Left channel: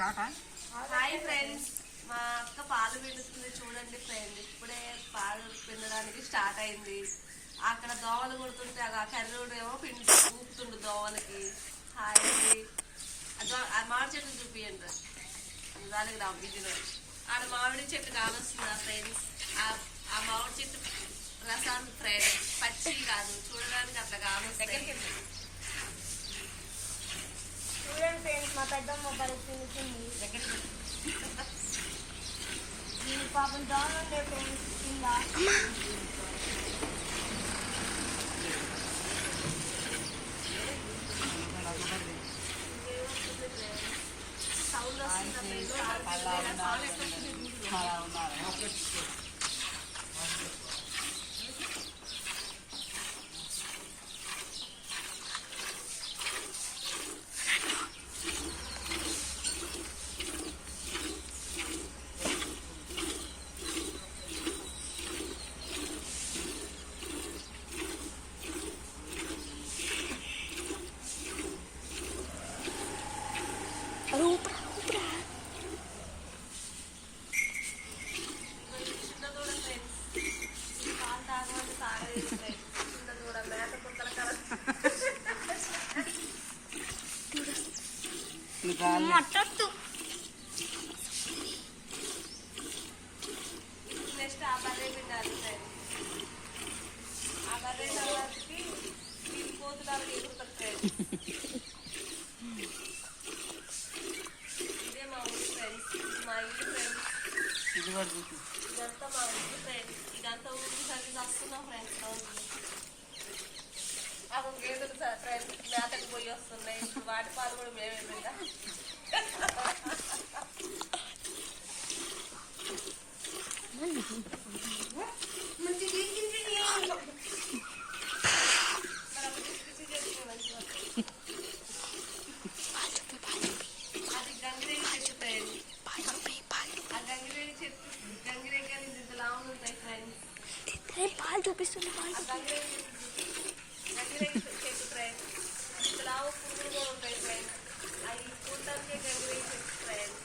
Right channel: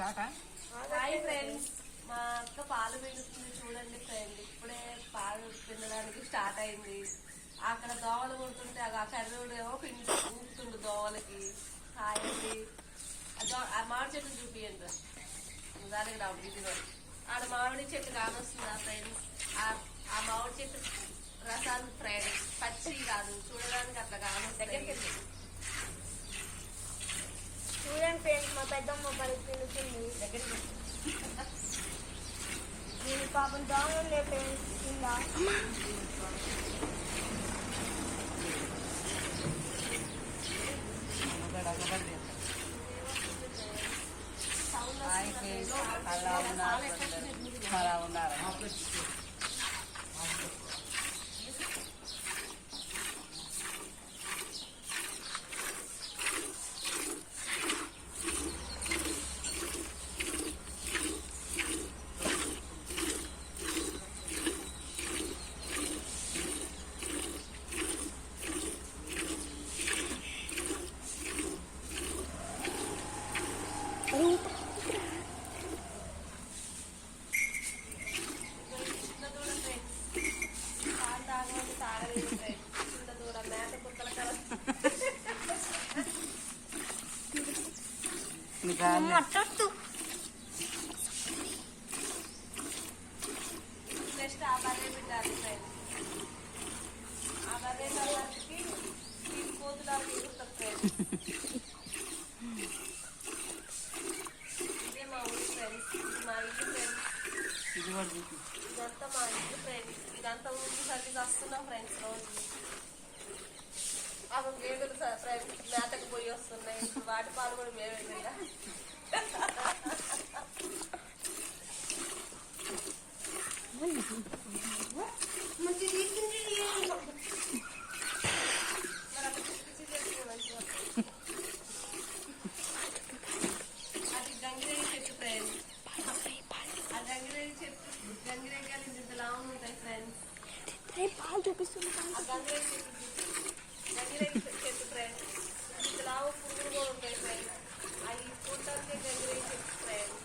Hi friends, మా అక్క పాలు పిండుతుంది చూడండి ఫ్రెండ్స్. ఇప్పుడే పాలు పిండడానికి స్టార్ట్ అయింది. అక్కడ దోవలు కొడుతుంటే ఆ కర్రుడు ఏమో ఊపుతుండు దోవలకి. హాయ్ అండి. ఆ మామిడి చెట్టు చూపియండి దానికి రా బిజీలో. ఆడ మామిడి చెట్టు కానొస్తుందా ఫ్రెండ్స్? ఆ మామిడి చెట్టు రసాన్ని ఫ్రెండ్స్ పచ్చి కాదు, చూడడానికి అట్లా కానొస్తాయి. చూడండి ఫ్రెండ్స్, మా పెద్దమ్మ బలి తింటుంది. నేను పాపం దోమలే ఫ్రెండ్స్ కింద. నెక్స్ట్ ఆ బర్రె కాదు ఆ బర్రె కోతులాలు తీరుతారు. ఇదే మా ఊరి ఫ్రెండ్స్, మా ఇల్లు ఫ్రెండ్స్. ఇదంతా మా ఇల్లు ఫ్రెండ్స్. ఇదంతా ఊరికి సరిగ్గా వస్తున్నాం ఫ్రెండ్స్. రోజు అక్కడ గేదెలు ఫ్రెండ్స్ మేతకు పోయి వస్తున్నాయి. ఇప్పుడు వాటి పాలు కూడా మేమే పిండా. అది గంగిరేగి చెట్టు ఫ్రెండ్స్. ఆ గంగిరేగి చెట్టు గంగిరేగి కానీ ఇంతలా ఉంటాయి ఫ్రెండ్స్. పాలు చూపిస్తుంది. గంగిరేగి చెట్టు ఫ్రెండ్స్. ఇంతలా పురుగులు కూడా ఉంటాయి ఫ్రెండ్స్. అవి చూడటానికే గంగిరేగి చెట్టు ఫ్రెండ్స్.